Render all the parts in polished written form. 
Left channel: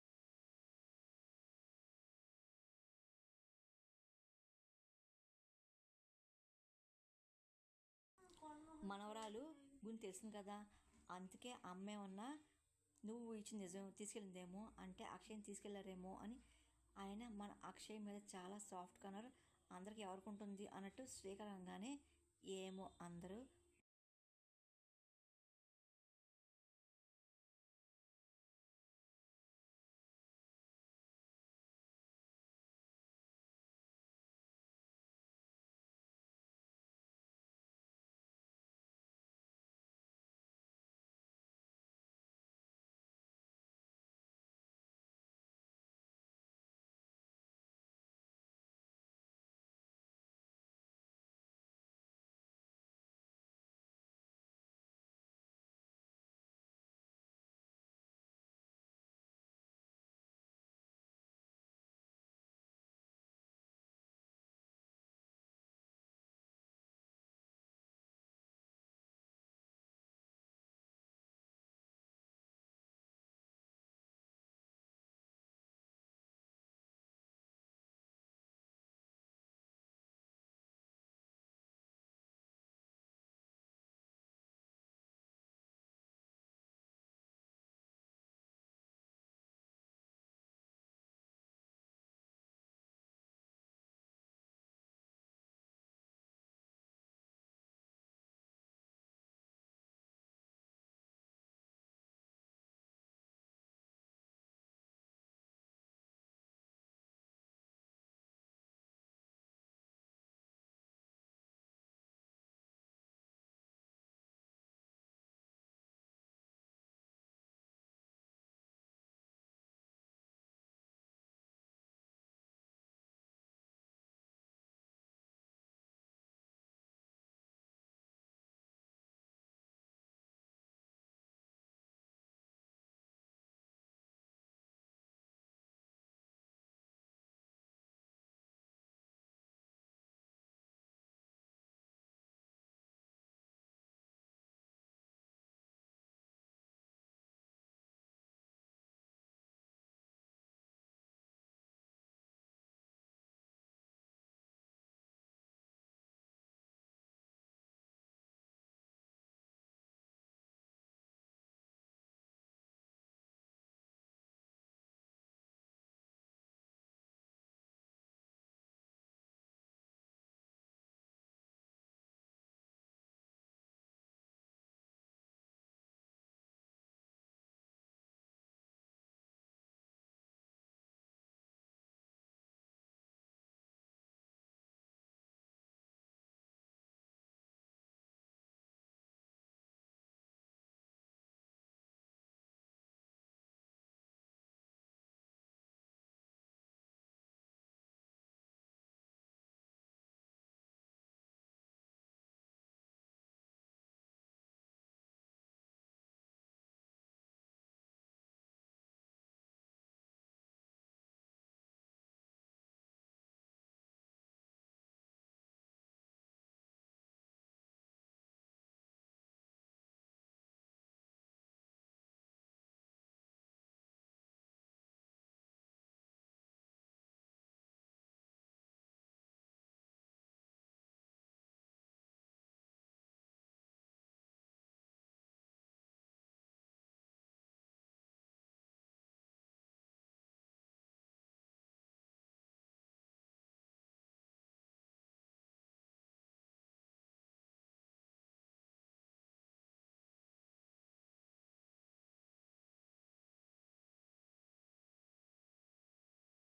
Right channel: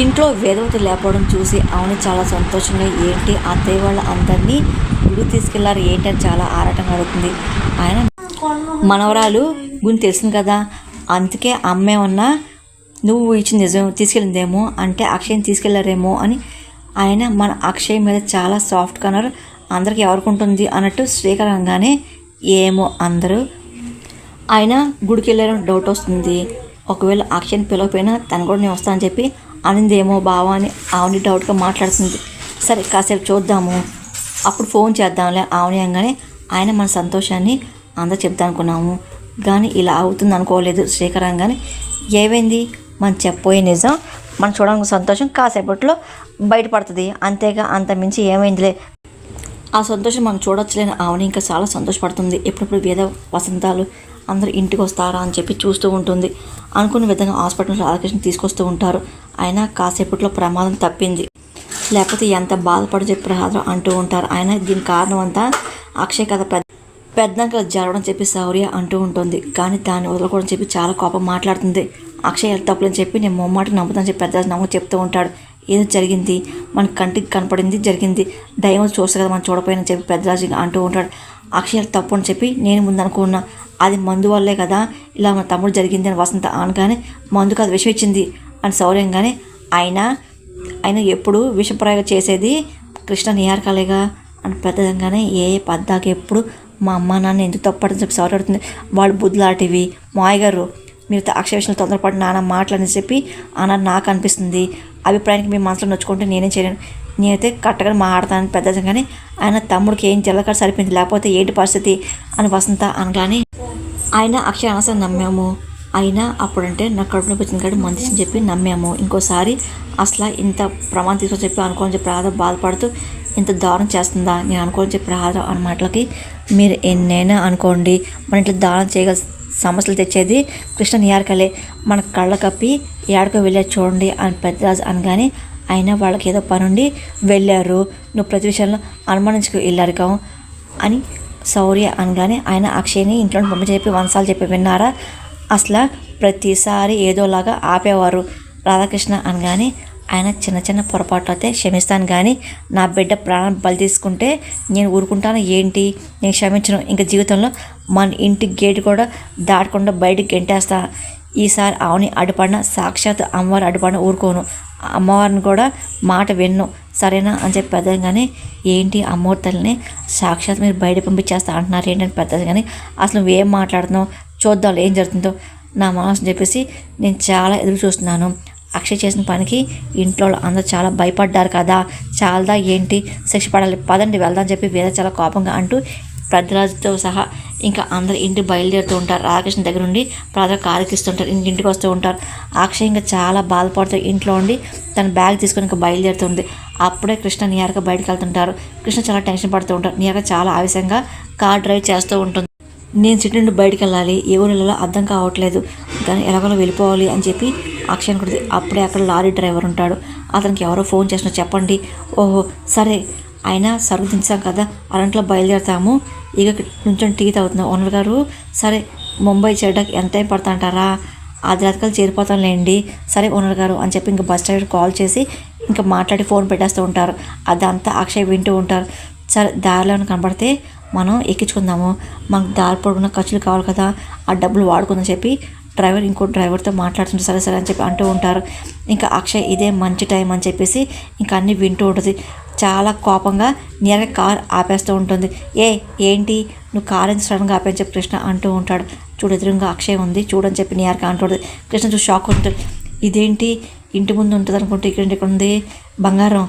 ఇంట్లో వేదవతి లేకపోవడం చూసి అవని చాలా సంతోషంగా ఏంటి అత్తయ్య వాళ్ళ అందరినీ గుడికి తీసుకెళ్లారు ఏంటి అని చాలా ఆరాటంగా అడుగుతుంది. ఆయన మనవరాలు గురించి తెలిసింది కదా, అందుకే అమ్మే ఉన్నా నువ్వు ఇచ్చిన నిజం తీసుకెళ్ళిందేమో అంటే అక్షయ్ని తీసుకెళ్లారేమో అని ఆయన మన అక్షయ్ మీద చాలా సాఫ్ట్గా అన్నారు. అందరికి ఎవరికి ఉంటుంది అన్నట్టు శ్రీకర్ అనగానే ఏమో అందరూ ఆయన గుడికి వెళ్ళారని డౌట్ వస్తుంది. ఒకవేళ అక్షయ్ని పిలవకపోయినా తను కూడా నేను వస్తానని చెప్పి అనిందేమో బావా అని ఆవుని డౌట్గా మాట్లాడుతుంది. సరే కాసేపు చూద్దాము, అప్పుడు ఫోన్ చేద్దాంలే ఆవుని అనగానే ఆయన మన సంతోషాన్ని అందరూ చెప్తాను అనుకున్నాము కానీ ఇలా అవుతుంది అనుకోలేదు. శ్రీకర్ అనగానే ఏమైంది మనం చెప్పబోయే నిజం మనం చూడడానికి సంతోషం కాసేపట్లో బయటపడుతుంది అంతేగా, అంత మించి ఏమైందిలే. ఆ సంతోషం మనం చూడొచ్చులేని ఆవుని ఇంకా చాలా సంతోషపడుతుంది. ఎప్పుడప్పుడు వేద వసంతాలు అందరూ ఇంటికి వస్తారా అని చెప్పి చూస్తూ ఉంటుంది. అనుకున్న విధంగా హాస్పిటల్ రాధాకృష్ణ తీసుకొస్తూ ఉంటారు. అయినా కాసేపట్లో ప్రమాదం తప్పింది, లేకపోతే ఎంత బాధపడి చెప్పి రాధ అంటూ ఉంటారు. ఆయన దీనికి కారణం అంతా అక్షయ్ కథ పెద్దంకలు జరగడం చెప్పి శౌర్య అంటూ ఉంటుంది. కానీ దాన్ని వదలకూడదని చెప్పి చాలా కోపం మాట్లాడుతుంది. అక్షయ్ ఎంత తప్పులని చెప్పి నేను మొమ్మాట నమ్ముతానని చెప్పి పెద్ద నమ్ము చెప్తూ ఉంటాడు. ఏదో జరిగింది మన కంటికి కనపడింది జరిగింది, దయ్యం చూస్తే కదా మనం చూడపోయినని చెప్పి పెద్దరాజు అంటూ ఉంటాడు. అక్షయ్ తప్పు అని చెప్పి నేను ముందు అనుకున్నా, అది మందు వల్లే కదా ఇలా మన తమ్ముడు జరిగింది అని వసంత అనగానే మందుకు అది విషం ఇచ్చింది అని శౌర్యంగానే ఆయన ఎప్పుడు విషప్రయోగం చేసేది కృష్ణ నిహారికలేగా అని పెద్దగానే పద్దాకి ఎప్పుడు మా అమ్మ నాన్న ఎందుకు తప్పడని చెప్పి శౌర్య అడుగుతుంది. వాళ్ళు బుద్ధులాంటివి మాయ గారు, మీరు అక్షయ విషయంలో తొందరపడి నాన్న మాటలని చెప్పి అన్నది నాకు అనిపిస్తుంది. అభిప్రాయానికి మీ మనసులో నొచ్చుకుంటే నేనేం చేయలేను, నేనైతే కరెక్ట్గా మాట్లాడతాను పెద్దగానే ఆయన తమ్ముడికి ఏం జల్లకడ సరిపోయింది లేకపోతే ఏంటి పరిస్థితి అని వసంత అనగానే ఆయన అక్షయ అనసరి నమ్మాము. అయినా అప్పుడంటే నాకు కడుపు నొప్పి వచ్చింది కాబట్టి మంచిని చెప్పి నమ్మాము. ఇంకోసారి అసలు ఇంత ప్రమాదం తీసుకొని చెప్పి అనుకోని చెప్పి రాధ బాధపడుతూ ఇంత దారుణం చేస్తుందా నేను అనుకోని చెప్పి రాధ అన్న మాటలకి మీరు ఎన్నైనా అనుకోండి మన ఇంట్లో దారుణం చేయగల సమస్యలు తెచ్చేది కృష్ణ నిహారికలే, మన కళ్ళ కప్పి ఏడకో వెళ్ళారు చూడండి అని పెద్దరాజు అనగానే అయినా వాళ్ళకి ఏదో పనుండి వెళ్ళారు, నువ్వు ప్రతి విషయంలో అనుమానించుకు వెళ్ళారు కా అని శౌర్య అనగానే ఆయన అక్షయ్ని ఇంట్లో పంపించి వంశాలు చెప్పి విన్నారా, అసలు ప్రతిసారి ఏదోలాగా ఆపేవారు రాధాకృష్ణ అనగానే ఆయన చిన్న చిన్న పొరపాట్లు అయితే క్షమిస్తాను కానీ నా బిడ్డ ప్రాణం బలి తీసుకుంటే నేను ఊరుకుంటాను ఏంటి, నేను క్షమించను. ఇంకా జీవితంలో మన ఇంటి గేటు కూడా దాటకుండా బయటికి గెంటేస్తా. ఈసారి ఆవుని అడ్డుపడిన సాక్షాత్ అమ్మవారు అడ్డుపడిన ఊరుకోను, అమ్మవారిని కూడా మాట విన్ను సరేనా అని చెప్పి పెద్దగానే ఏంటి అమ్మవారి తల్లిని సాక్షాత్ మీరు బయట పంపించేస్తా అంటున్నారు ఏంటని పెద్దది కానీ అసలు నువ్వేం మాట్లాడుతున్నావు చూద్దాం ఏం జరుగుతుందో నా మనసు చెప్పేసి నేను చాలా ఎదురు చూస్తున్నాను. అక్షయ్ చేసిన పనికి ఇంట్లో అందరూ చాలా భయపడ్డారు కదా, చాలదా ఏంటి శిక్ష పడాలి పదండి వెళ్దాం చెప్పి వేద చాలా కోపంగా అంటూ పెద్దరాజుతో సహా ఇంకా అందరు ఇంటికి బయలుదేరుతూ ఉంటారు. రాధాకృష్ణ దగ్గర నుండి ప్రాధాన్యత కారెక్కిస్తుంటారు, ఇంటికి వస్తూ ఉంటారు. అక్షయ్ ఇంకా చాలా బాధపడుతూ ఇంట్లో ఉండి తన బ్యాగ్ తీసుకొని ఇంకా బయలుదేరుతుంది. అప్పుడే కృష్ణ నిహారిక బయటకు వెళ్తుంటారు. కృష్ణ చాలా టెన్షన్ పడుతూ ఉంటారు. నిహారిక చాలా ఆవేశంగా కార్ డ్రైవ్ చేస్తూ ఉంటుంది. నేను సిటీ నుండి బయటకు వెళ్ళాలి, ఏ ఊరిలో అర్థం కావట్లేదు కానీ ఎలాగోలా వెళ్ళిపోవాలి అని చెప్పి అక్షయ్ అనుకుంటుంది. అప్పుడే అక్కడ లారీ డ్రైవర్ ఉంటాడు, అతనికి ఎవరో ఫోన్ చేసినా చెప్పండి. ఓహో సరే అయినా సరుకు దించాం కదా అరంట్లో బయలుదేరుతాము, ఇక నుంచొని టీ తాగుతున్నాం ఓనర్ గారు. సరే ముంబై చేయడానికి ఎంత టైం పడతా అంటారా, అది రాత్రికల్ చేరిపోతాంలేండి సరే ఓనర్ గారు అని చెప్పి ఇంకా బస్ డ్రైవర్ కాల్ చేసి ఇంకా మాట్లాడి ఫోన్ పెట్టేస్తూ ఉంటారు. అదంతా అక్షయ్ వింటూ ఉంటారు. సరే దారిలో కనబడితే మనం ఎక్కించుకుందాము, మనకు దారి పొడుగున ఖర్చులు కావాలి కదా ఆ డబ్బులు వాడుకుందని చెప్పి డ్రైవర్ ఇంకో డ్రైవర్తో మాట్లాడుతుంటే సరే సరే అని చెప్పి అంటూ ఉంటారు. ఇంకా అక్షయ్ ఇదే మంచి టైం అని చెప్పేసి ఇంకా అన్నీ వింటూ ఉంటుంది. చాలా కోపంగా నియర్గా కార్ ఆపేస్తూ ఉంటుంది. ఏంటి నువ్వు కార్ ఎంత సడన్గా ఆపని చెప్పి కృష్ణ అంటూ ఉంటాడు. చూడు ఎదురుగా అక్షయ్ ఉంది చూడని చెప్పి నియర్గా అంటుంది. కృష్ణ చూసి షాక్ ఉంటుంది. ఇదేంటి ఇంటి ముందు ఉంటుంది అనుకుంటే ఇక్కడ ఉంది బంగారం,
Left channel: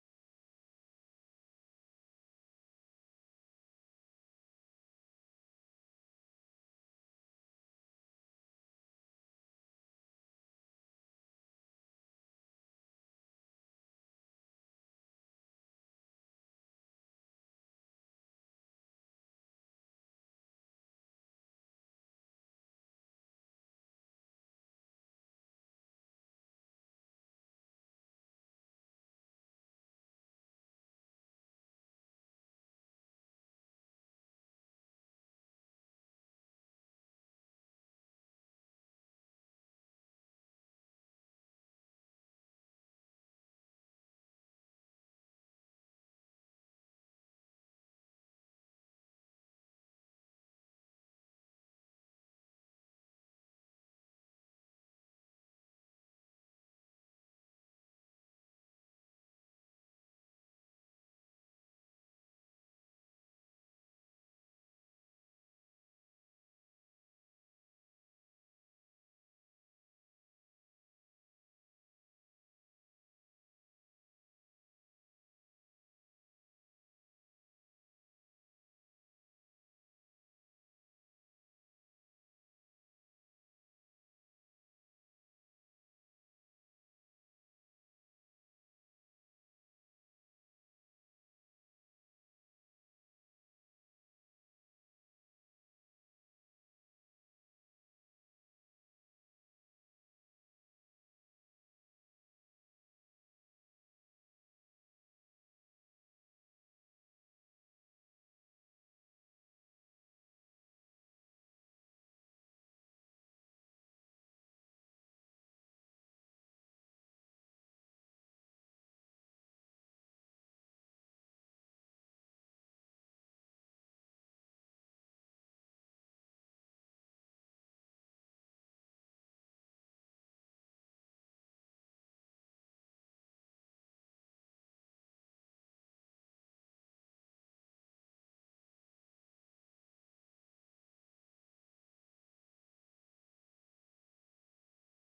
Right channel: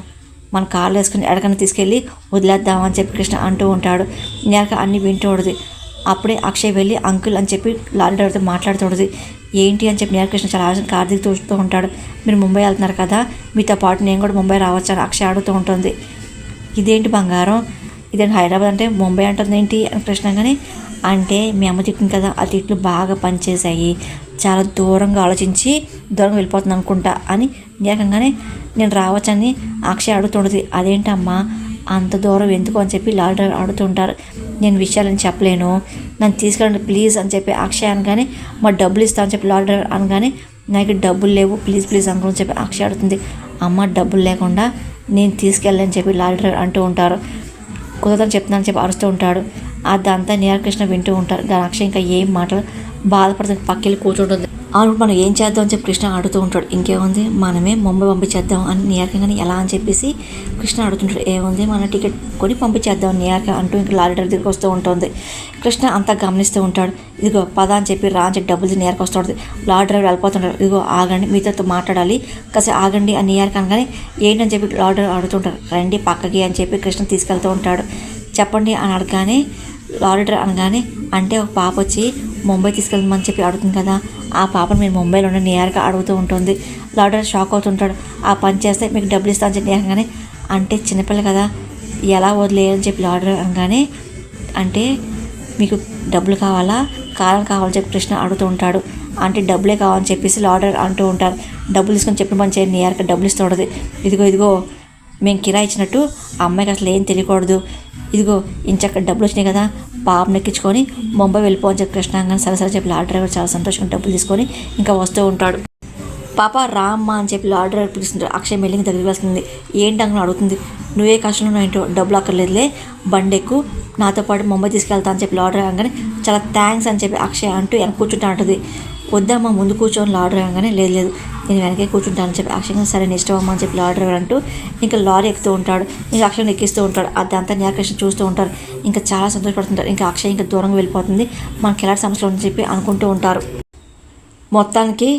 మన కార్లో వేసుకుని ఎడకన్నా తీసుకెళ్ళి వదిలేద్దామని చెప్పి కృష్ణ అంటూ ఉంటాడు. నియర్గా అన్నీ వింటూ ఉంటుంది. అప్పుడే అక్షయ్ వెళ్ళి అంకుల్ అని చెప్పి లారీ డ్రైవర్తో మాట్లాడుతుంది. ఏంటి అని చెప్పి నియర్ కృష్ణ చాలా ఆలోచన కార్ దిగి చూస్తూ ఉంటాడు. మీరు ముంబై వెళ్తున్నారు కదా మీతో పాటు నేను కూడా ముంబై రావచ్చు అని అక్షయ్ అడుగుతూ ఉంటుంది. ఇదేంటి బంగారం, ఇదేంటి హైదరాబాద్ అంటే ముంబై అంటుంది ఏంటి అని కృష్ణ కానీ అంటే మీ అమ్మ చెప్పింది కదా ఆ తిట్లు బాగా పనిచేసాయి, చాలా దూరంగా ఆలోచించి దూరంగా వెళ్ళిపోతుంది అనుకుంటా అని నియకంగానే నేను రావచ్చని అక్షయ్ అడుగుతుంటుంది. అదేంటమ్మా అంత దూరం ఎందుకు అని చెప్పి లారీ డ్రైవర్ అడుగుతుంటారు. నేను విషయాలని చెప్పలేను నన్ను తీసుకెళ్ళండి ప్లీజ్ అని చెప్పి అక్షయ్ అనగానే మా డబ్బులు ఇస్తా అని చెప్పి లారీ డ్రైవర్ అనగానే నాకు డబ్బులు లేవు, ప్లీజ్ ప్లీజ్ అంకుల్ అని చెప్పి అక్షయ్ అడుగుతుంది. అమ్మ డబ్బులు లేకుండా నేను తీసుకెళ్ళని చెప్పి లారీ డ్రైవర్ అంటూ ఉంటారు. కుదరదని చెప్తున్నానని చెప్పి అరుస్తూ ఉంటాడు. అదంతా నీలకృష్ణ వింటూ ఉంటారు. దాని అక్షయ్ ఇంకా ఏం మాటలు బాధపడుతుంది, పక్కెళ్ళి కూర్చుంటుంది. అవును మనం ఏం చేద్దాం అని చెప్పి కృష్ణ అడుగుతూ ఉంటాడు. ఇంకేముంది మనమే ముంబై పంపించేద్దాం అని నియార్కంగానే ఎలా అని చెప్పేసి కృష్ణ అడుగుతుంటాడు. ఏముంది మన టికెట్ కొని పంపించేద్దాం నియార్క అంటూ ఇంకా లారీ డ్రైవర్ దగ్గరికి వస్తూ ఉంటుంది. కృష్ణ అంతా గమనిస్తూ ఉంటాడు. ఇదిగో పద అని చెప్పి రా అని చెప్పి డబ్బులు నియార్క వస్తూ ఉంటుంది. లారీ డ్రైవర్ వెళ్ళిపోతుంటాడు. ఇదిగో ఆగండి, మీతో మాట్లాడాలి, కాసేపు ఆగండి అని నియార్క అనగానే ఏంటని చెప్పి లారీ డ్రైవర్ అడుగుతుంటారు. రండి పక్కకి అని చెప్పి కృష్ణ తీసుకెళ్తూ ఉంటాడు. చెప్పండి అని అడగానే లారీ డ్రైవర్ అనగానే అంటే ఒక పాప వచ్చి ముంబై తీసుకెళ్దామని చెప్పి అడుగుతుంది కదా, ఆ పాపను మీరు ముంబైలో ఉన్న నియార్గా అడుగుతూ ఉంటుంది. లారీ డ్రైవర్ షాక్ అవుతుంటాడు. ఆ పని చేస్తే మీకు డబ్బులు ఇస్తా అని చెప్పి అనగానే అంటే చిన్నపిల్ల కదా ఎలా వదిలేయని చెప్పి లారీ డ్రైవర్ అనగానే అంటే మీకు డబ్బులు కావాలా కావాలని చెప్పి కృష్ణ అడుగుతూ ఉంటాడు. అంటే డబ్బులే కావాలని చెప్పేసి లారీ డ్రైవర్ అంటూ ఉంటారు. డబ్బులు తీసుకొని చెప్పిన పని చేయండి నియార్గా డబ్బులు ఇస్తూ ఉంటుంది. ఇదిగో మేము కిరాయి ఇచ్చినట్టు ఆ అమ్మాయికి అసలు ఏం తెలియకూడదు, ఇదిగో ఇంచక్క డబ్బులు వచ్చినాయి కదా పాపను ఎక్కించుకొని ముంబై వెళ్ళిపోవని చెప్పి కృష్ణ అనగానే సరే చెప్పి లారీ డ్రైవర్ చాలా సంతోషంగా డబ్బులు తీసుకొని ఇంకా వస్తూ ఉంటాడు. పాప రామ్మ అని చెప్పి లారీ డ్రైవర్ పిలుస్తుంటాడు. అక్షయ్ మెల్లింగ్ దగ్గరికి వస్తుంది. ఏంటి అంకుని అడుగుతుంది. నువ్వే కష్టంలో ఏంటో డబ్బులు అక్కర్లేదులే, బండెక్కు నాతో పాటు ముంబై తీసుకెళ్తా అని చెప్పి లారీ డ్రైవర్ అనగానే చాలా థ్యాంక్స్ అని చెప్పి అక్షయ్ అంటూ వెనక కూర్చుంటా ఉంటుంది. వద్దమ్మా ముందు కూర్చొని లారీ డ్రైవర్ అనగానే లేదు నేను వెనకే కూర్చుంటానని చెప్పి అక్షయ్ సరే ఇష్టం అమ్మ అని చెప్పి లారీ డ్రైవర్ అంటూ ఇంకా లారీ ఎక్కుతూ ఉంటాడు. ఇంకా అక్షయ్ని ఎక్కిస్తూ ఉంటాడు. అదంతా నీలకృష్ణ చూస్తూ ఉంటారు. ఇంకా చాలా సంతోషపడుతుంటారు. ఇంకా అక్షయ్ ఇంకా దూరంగా వెళ్ళిపోతుంది, మనకి ఎలాంటి సమస్యలు అని చెప్పి అనుకుంటూ ఉంటారు. మొత్తానికి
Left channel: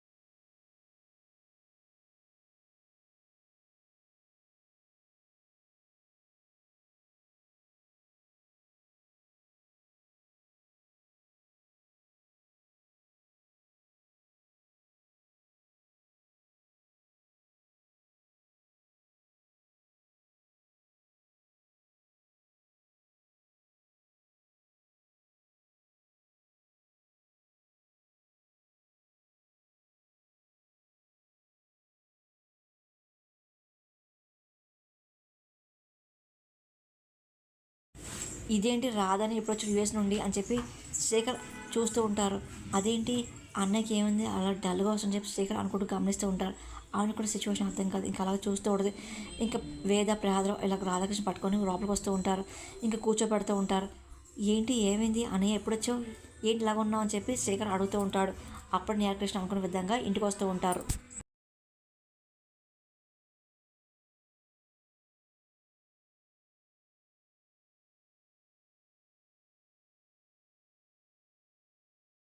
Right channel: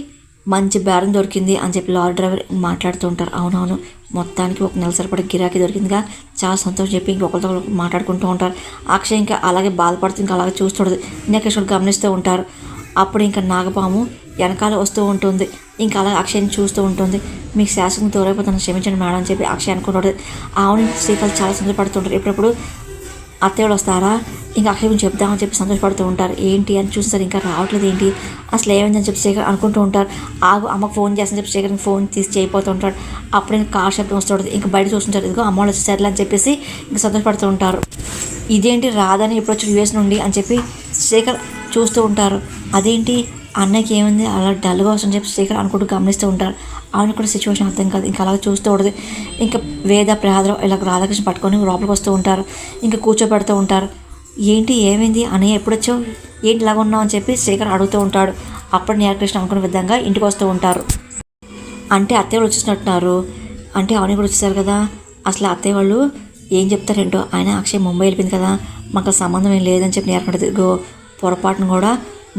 మంచి బేరం దొరికింది అని చెప్పి లారీ డ్రైవర్ మాట్లాడుతూ ఉంటారు. అవునవును మొత్తానికి ఒక నెల సరిపడే గిరాకీ దొరికిందిగా చాలా సంతోషం చెప్పి ఇంకొకరితో మాట్లాడుకుంటూ ఉంటారు. అక్షయ్ ఇంకా అలాగే బాధపడుతూ ఇంకా అలాగే చూస్తుండదు. నీలకృష్ణ గమనిస్తూ ఉంటారు. అప్పుడు ఇంకా నాగపాము వెనకాల వస్తూ ఉంటుంది. ఇంకా అలా అక్షయ్ని చూస్తూ ఉంటుంది. మీకు శాసనం తోరైపోతాను క్షమించండి మేడం అని చెప్పి అక్షయ్ అనుకుంటాడు. ఆవుని శ్రీకాలు చాలా సంతోషపడుతుంటారు. ఎప్పుడప్పుడు అత్తయ్యలు వస్తారా ఇంకా అక్షయ్ గురించి చెప్దామని చెప్పి సంతోషపడుతూ ఉంటారు. ఏంటి అని చూస్తారు ఇంకా రావట్లేదు ఏంటి అసలు ఏమైందని చెప్పి శేఖర్ అనుకుంటూ ఉంటారు. ఆగు అమ్మకు ఫోన్ చేస్తానని చెప్పి శేఖర్కి ఫోన్ తీసి చేయిపోతూ ఉంటాడు. అప్పుడు ఇంకా కార్ శబ్దం వస్తుంటుంది. ఇంకా బయట చూస్తుంటారు. ఇదిగో అమ్మ వాళ్ళు వచ్చేసరిలే అని చెప్పేసి ఇంకా సంతోషపడుతూ ఉంటారు. ఇదేంటి రాదని ఎప్పుడు వచ్చి యూఎస్ నుండి అని చెప్పి శేఖర్ చూస్తూ ఉంటారు. అదేంటి అన్నయ్యకి ఏముంది అలా డల్గా వస్తుందని చెప్పి శేఖర్ అనుకుంటూ గమనిస్తూ ఉంటారు. ఆమెను కూడా సిచ్యువేషన్ అర్థం కాదు. ఇంకా అలాగే చూస్తూ ఉంటుంది. ఇంకా వేద ప్రహాదం ఇలా రాధాకృష్ణ పట్టుకొని లోపలికి వస్తూ ఉంటారు. ఇంకా కూర్చోబెడుతూ ఉంటారు. ఏంటి ఏమైంది అన్నయ్య ఎప్పుడు వచ్చావు ఏంటి ఇలాగ ఉన్నావు అని చెప్పి శేఖర్ అడుగుతూ ఉంటాడు. అప్పుడు నీలకృష్ణ అనుకున్న విధంగా ఇంటికి వస్తూ ఉంటారు. అంటే అత్తయ్య వాళ్ళు వచ్చేసినట్టున్నారు. అంటే అవన్నీ కూడా వచ్చేసారు కదా అసలు అత్తయ్య వాళ్ళు ఏం చెప్తారేంటో ఆయన అక్షయ్ ముంబై వెళ్ళిపోయింది కదా మాకు సంబంధం ఏం లేదని చెప్పి నీలకంటే పొరపాటును కూడా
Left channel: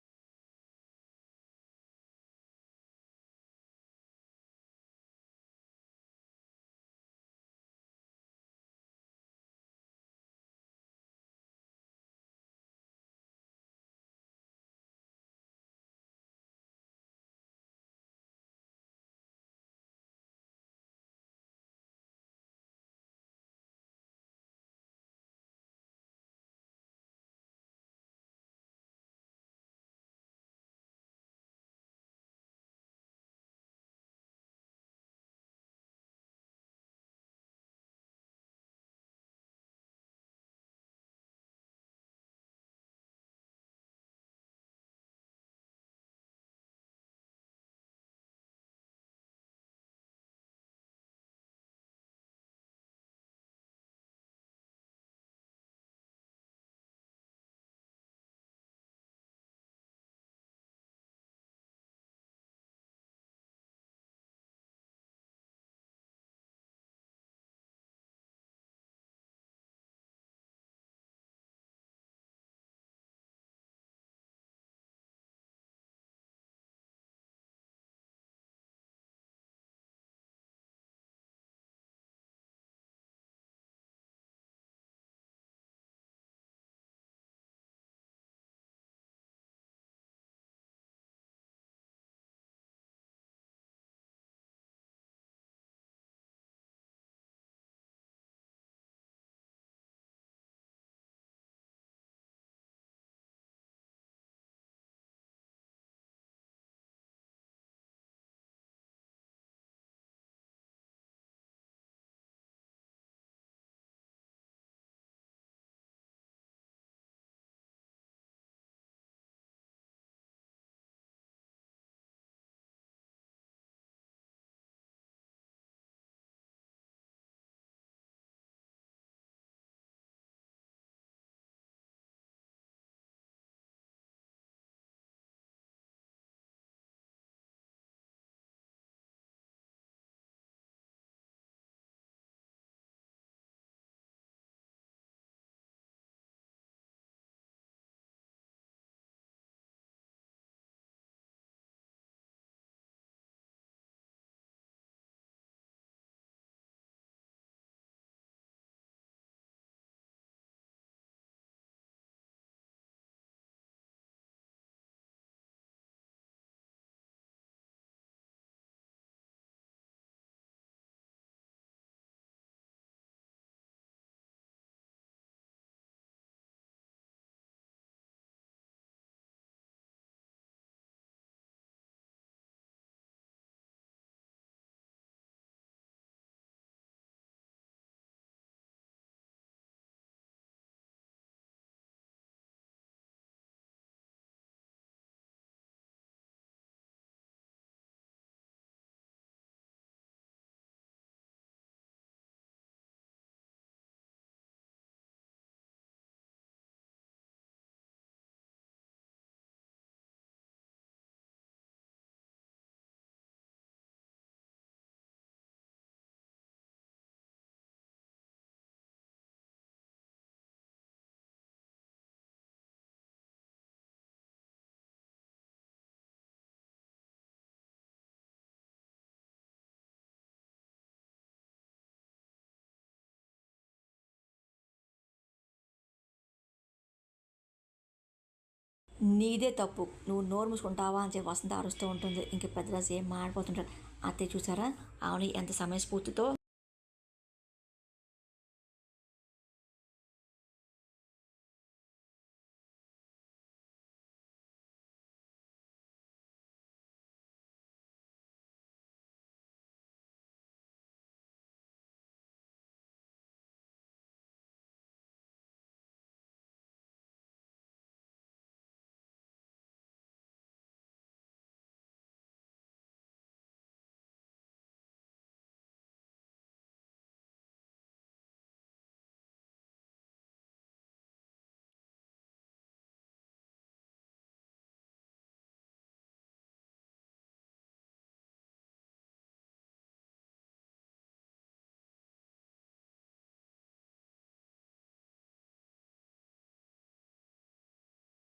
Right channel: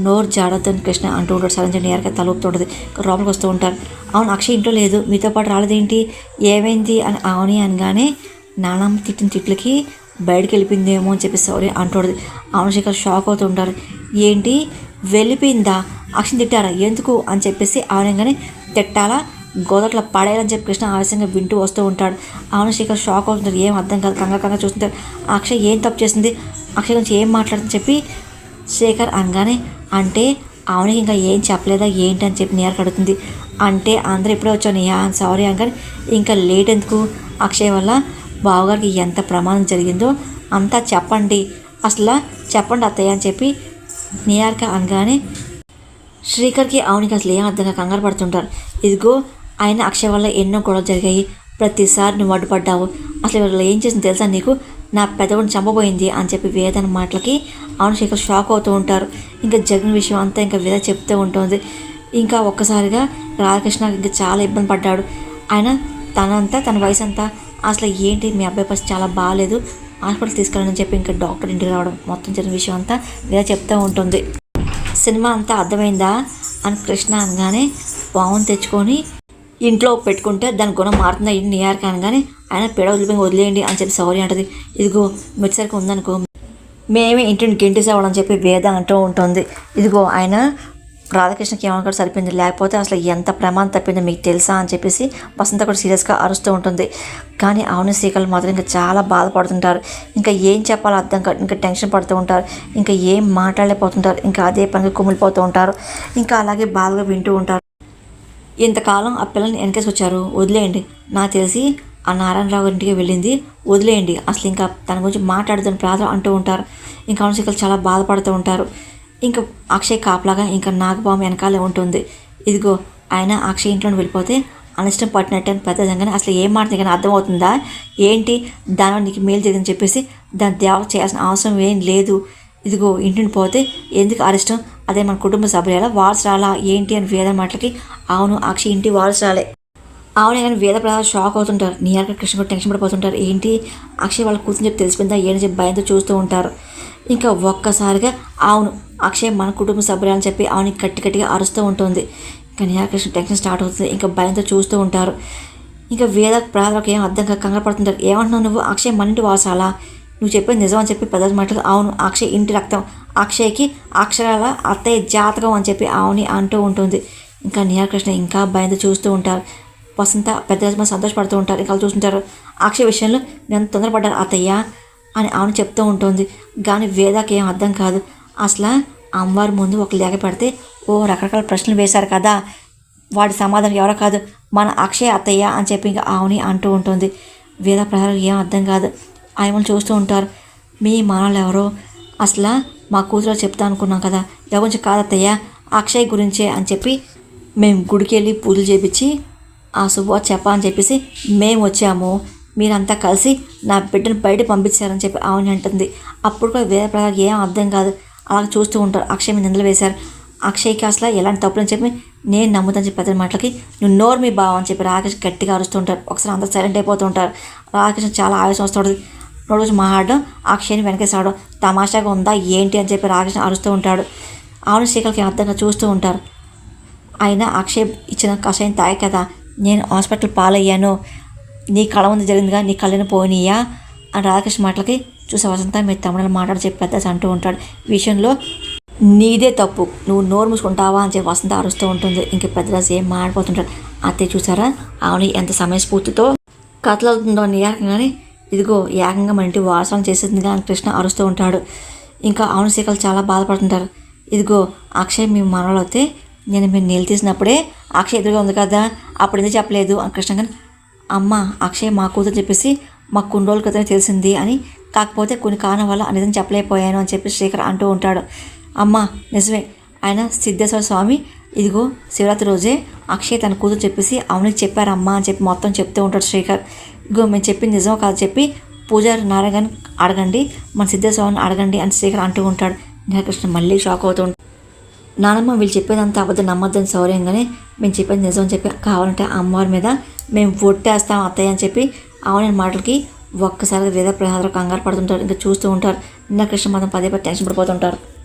నోరు జాడద్దని కృష్ణ అంటూ ఉంటాడు. సరే నీలక తలూపుతుంటుంది. లోపలికి వస్తూ ఉంటారు. అవును అక్షయ్ ఇంట్లో లేదు మీతో పాటు రాలేదేంటి ఏమైంది అని అవని అనగానే నానమ్మ తిట్టిన తిట్లకి బయటకు వెళ్ళిపోయిందేమో అని చెప్పి సారీ అంటుంది. అవును శేఖర్ షాక్ అవుతూ ఉంటారు. ఏంటి వెళ్ళిపోయిందా అక్షయ్ తిట్టారా ఎందుకు అని చెప్పేసి అవనంగానే తిట్టాలా గోదట్లో పడేయాలని చెప్పి కృష్ణ ఆవేశంగా వింటూ వస్తూ ఉంటాడు. అవును శేఖర్ షాక్ అవుతుంటారు. ఏం అర్థం కాదు కంగా చూస్తుంటారు. అక్షయ్ ఏం తప్పు చేసింది అక్షయ్ గురించి ఏం మాట్లాడుతుందని చెప్పి శేఖర్ అనగానే అంటే అవునికి ఇంకా ఏం చెప్పలేదా ఏంటి అని చెప్పి నీలక అడుగుతుంది. అంటే అందరూ ఎప్పుడో వచ్చాను సారీ అనగానే ఇంకా లేట్ ఎందుకు అక్షయ్ వల్ల బావగారికి ఎంత ప్రమాదం జరిగిందో అంతా చెప్పండి అసలు చెప్పండి అత్తయ్య అని చెప్పి నీలక అనగానే శ్రీకర్కి అవునికి అసలు ఏం అర్థంగా కంగారు పడుతుంటారు. ఇదిగో ఆయన అక్షయ్ వల్ల ఎన్నో గొడవలు జరిగాయి ప్రతిసారి నువ్వు అడ్డుపడ్డావు అసలు వాళ్ళు ఏం చేసింది తెలుసా నీకు నా పెదవుని చంపబోయింది అని చెప్పి వేదన మాటలకి అవును శేఖర్ షాక్ అవుతూ ఉంటారు. ఇంకా జరిగిన విషయం అంతా ఇంకా వేద చెప్తూ ఉంటుంది. ఇంకా ఒక్కసారిగా రాధాకృష్ణ ఇంకా చాలా ఇబ్బంది పడ్డాడు. ఆయన తన వయసు అంతా అసలు ఏంటి మీ అబ్బాయి పరిస్థితి చాలా బాగాలేదు హాస్పిటల్ తీసుకెళ్ళని చెప్పి ఇంకా డాక్టర్ ఇంటికి రావడం మొత్తం జరిగిన విషయం అంతా వేద చెప్తూ ఉంటుంది. సినిమా అంతా అర్థమైందా అని కృష్ణ అనగానే పావును తెచ్చుకొని ఇంట్లో పెట్టుకుంటే దాని గుణం మారుతుందా ఇంటి నియార్కి అనగానే ఆయన పేడ వదిలేయండి అని చెప్పి సారీ అంటుంది. ఇదిగో మెచ్చరికి ఉందనుకో మేమే ఇంటిని గెంటేసేవాళ్ళని చెప్పి వేద అంటూ ఉంటుంది. ఇదిగో ఆయన రాధాకృష్ణకి ఏమనుకోవడం సరిపోయింది లేకపోతే అసలు ఎంత ప్రమాదం తప్పిందో మీకు తెలుసా అని చెప్పేసి వసంత కూడా సీరియస్గా అరుస్తూ ఉంటుంది. కానీ అవును శ్రీకళ మాత్రం ఇంకా చాలా బాధపడుతుంటారు. ఇంకా ఏం చెప్పాలో అర్థం కాదు. ఇంకా టెన్షన్ పడుతూ ఉంటారు. ఇంకా ఏం మాట్లాడలేకపోతుంటారు. ఇంకా అదే పనిగా కుమిలిపోతూ ఉంటారు. ఇంకా అలాగే బాధగా వింటూ ఉంటారు. ఇంతకాలం ఆ పిల్లల్ని వెనకేసి వచ్చారు వదిలేయండి నాకు తెలిసి ఆ నారాయణరావు ఇంటికి వెళ్ళింది వదిలేయండి అసలు ఇంకా తన గురించి మాట్లాడుతున్న ప్రాధం అంటూ ఉంటారు. ఇంకా అవును శ్రీకళ చాలా బాధపడుతూ ఉంటారు. ఇంకా అక్షయ్ కాపలాగా ఇంకా నాగపాము వెనకాలే ఉంటుంది. ఇదిగో ఆయన అక్షయ్ ఇంట్లో వెళ్ళిపోతే అనిష్టం పట్టినట్టు అని పెద్ద కానీ అసలు ఏం మాట కానీ అర్థమవుతుందా ఏంటి దాని నీకు మేలు జరిగిందని చెప్పేసి దాన్ని దేవ చేయాల్సిన అవసరం ఏం లేదు. ఇదిగో ఇంటిని పోతే ఎందుకు అరిష్టం, అదే మన కుటుంబ సభ్యుల వారసురాలా ఏంటి అని వేద మాటలకి అవును అక్షయ్ ఇంటి వారసురాలే. అవునే కానీ వేద ప్రధాన షాక్ అవుతుంటారు. నిహారిక కృష్ణ కూడా టెన్షన్ పడిపోతుంటారు. ఏంటి అక్షయ్ వాళ్ళ కూతురు చెప్పి తెలిసిపోయిందా ఏంటి చెప్పి భయంతో చూస్తూ ఉంటారు. ఇంకా ఒక్కసారిగా అవును అక్షయ్ మన కుటుంబ సభ్యులని చెప్పి అవును గట్టిగా అరుస్తూ ఉంటుంది. ఇంకా నిహారిక కృష్ణ టెన్షన్ స్టార్ట్ అవుతుంది. ఇంకా భయంతో చూస్తూ ఉంటారు. ఇంకా వేద ప్రధానకు ఏం అర్థం కాక కంగారు పడుతుంటారు. ఏమంటున్నావు నువ్వు, అక్షయ్ మన ఇంటి వారసాలా, నువ్వు చెప్పేది నిజం అని చెప్పి పెద్ద మాటలు అవును అక్షయ్ ఇంటి రక్తం, అక్షయ్కి అక్షరాల అత్తయ్య జాతకం అని చెప్పి అవుని అంటూ ఉంటుంది. ఇంకా నిహారిక కృష్ణ ఇంకా భయంతో చూస్తూ ఉంటారు. వసంత పెద్ద సంతోషపడుతూ ఉంటారు. ఇంకా చూస్తుంటారు. అక్షయ్ విషయంలో నేను తొందరపడ్డాను అత్తయ్య అని అవును చెప్తూ ఉంటుంది. కానీ వేదాకి ఏం అర్థం కాదు. అసలు అమ్మవారి ముందు ఒక లేఖ పెడితే రకరకాల ప్రశ్నలు వేశారు కదా, వాడి సమాధానం ఎవరో కాదు మన అక్షయ్ అత్తయ్య అని చెప్పి ఇంకా ఆవుని అంటూ ఉంటుంది. వేద ప్రజలకు ఏం అర్థం కాదు. ఆయమని చూస్తూ ఉంటారు. మీ మనలు ఎవరో అసలు మా కూతురు చెప్తా అనుకున్నాం కదా, ఎవరి గురించి కాదత్తయ్య అక్షయ్ గురించే అని చెప్పి మేము గుడికి వెళ్ళి పూజలు చేపించి ఆ శుభవార్త చెప్పని చెప్పేసి మేము వచ్చాము, మీరంతా కలిసి నా బిడ్డను బయట పంపించారని చెప్పి ఆవుని అంటుంది. అప్పుడు కూడా వేద ప్రజలకు ఏం అర్థం కాదు. అలా చూస్తూ ఉంటారు. అక్షయ్ మీద నిందలు వేశారు. అక్షయ్కి అసలు ఎలాంటి తప్పులని చెప్పి నేను నమ్ముతాను చెప్పి పెద్ద మాటలకి నువ్వు నోరు మీ బావ అని చెప్పి రాకేష్ గట్టిగా అరుస్తుంటారు. ఒకసారి అందరూ సైలెంట్ అయిపోతూ ఉంటారు. రాకేష్ చాలా ఆవేశం వస్తుంది. రోజు మాట్లాడడం అక్షయ్ని వెనకేసాడు. తమాషాగా ఉందా ఏంటి అని చెప్పి రాకేష్ అరుస్తూ ఉంటాడు. ఆవుని శ్రీకలకి అర్థంగా చూస్తూ ఉంటారు. అయినా అక్షయ్ ఇచ్చిన కషాయం తాగే కదా నేను హాస్పిటల్ పాలయ్యాను, నీ కళ ముందు జరిగిందిగా నీ కళ్ళని పోయినాయా అని రాధాకృష్ణ మాటలకి చూసే వసంత మీరు తమిళలో మాట్లాడి చెప్పి పెద్ద అంటూ ఉంటాడు. ఈ విషయంలో నీదే తప్పు, నువ్వు నోరు మూసుకుంటావా అని చెప్పి వసంత అరుస్తూ ఉంటుంది. ఇంక పెద్దరాజు ఏం మాడిపోతుంటాడు. అత్తయ్య చూసారా అవును ఎంత సమయస్ఫూర్తితో కథలవుతుందో అని ఏకంగానే ఇదిగో ఏకంగా మన ఇంటి వారసం చేసేందుగా అని కృష్ణ అరుస్తూ ఉంటాడు. ఇంకా అవును శ్రీకలు చాలా బాధపడుతుంటారు. ఇదిగో అక్షయ్ మీ మనలో అయితే నేను మీరు నీళ్ళు తీసినప్పుడే అక్షయ్ ఎదురుగా ఉంది కదా అప్పుడు ఎందుకు చెప్పలేదు అని కృష్ణ కానీ అమ్మ అక్షయ్ మా కూతురు చెప్పేసి మాకు కొన్ని రోజుల క్రితమే తెలిసింది అని, కాకపోతే కొన్ని కారణం వల్ల నిజం చెప్పలేకపోయాను అని చెప్పి శ్రీకర్ అంటూ ఉంటాడు. అమ్మ నిజమే ఆయన సిద్ధేశ్వర స్వామి ఇదిగో శివరాత్రి రోజే అక్షయ్ తన కూతురు చెప్పేసి అవునికి చెప్పారమ్మా అని చెప్పి మొత్తం చెప్తూ ఉంటాడు శ్రీకర్. ఇగో మేము చెప్పింది నిజమో కాదు చెప్పి పూజారి నారాయణ అడగండి, మన సిద్ధేశ్వరాన్ని అడగండి అని శ్రీకర్ అంటూ ఉంటాడు. కృష్ణ మళ్ళీ షాక్ అవుతూ ఉంటాడు. నానమ్మ వీళ్ళు చెప్పేదంతా అబద్ధం నమ్మద్దని సౌర్యంగానే మేము చెప్పేది నిజం అని చెప్పి కావాలంటే అమ్మవారి మీద మేము ఒట్టేస్తాం అత్తయ్య అని చెప్పి అవునని మాటలకి ఒక్కసారిగా వేద ప్రసాదం కంగారు పడుతుంటారు. ఇంకా చూస్తూ ఉంటారు. కృష్ణ మాత్రం పదే టెన్షన్ పడిపోతుంటారు.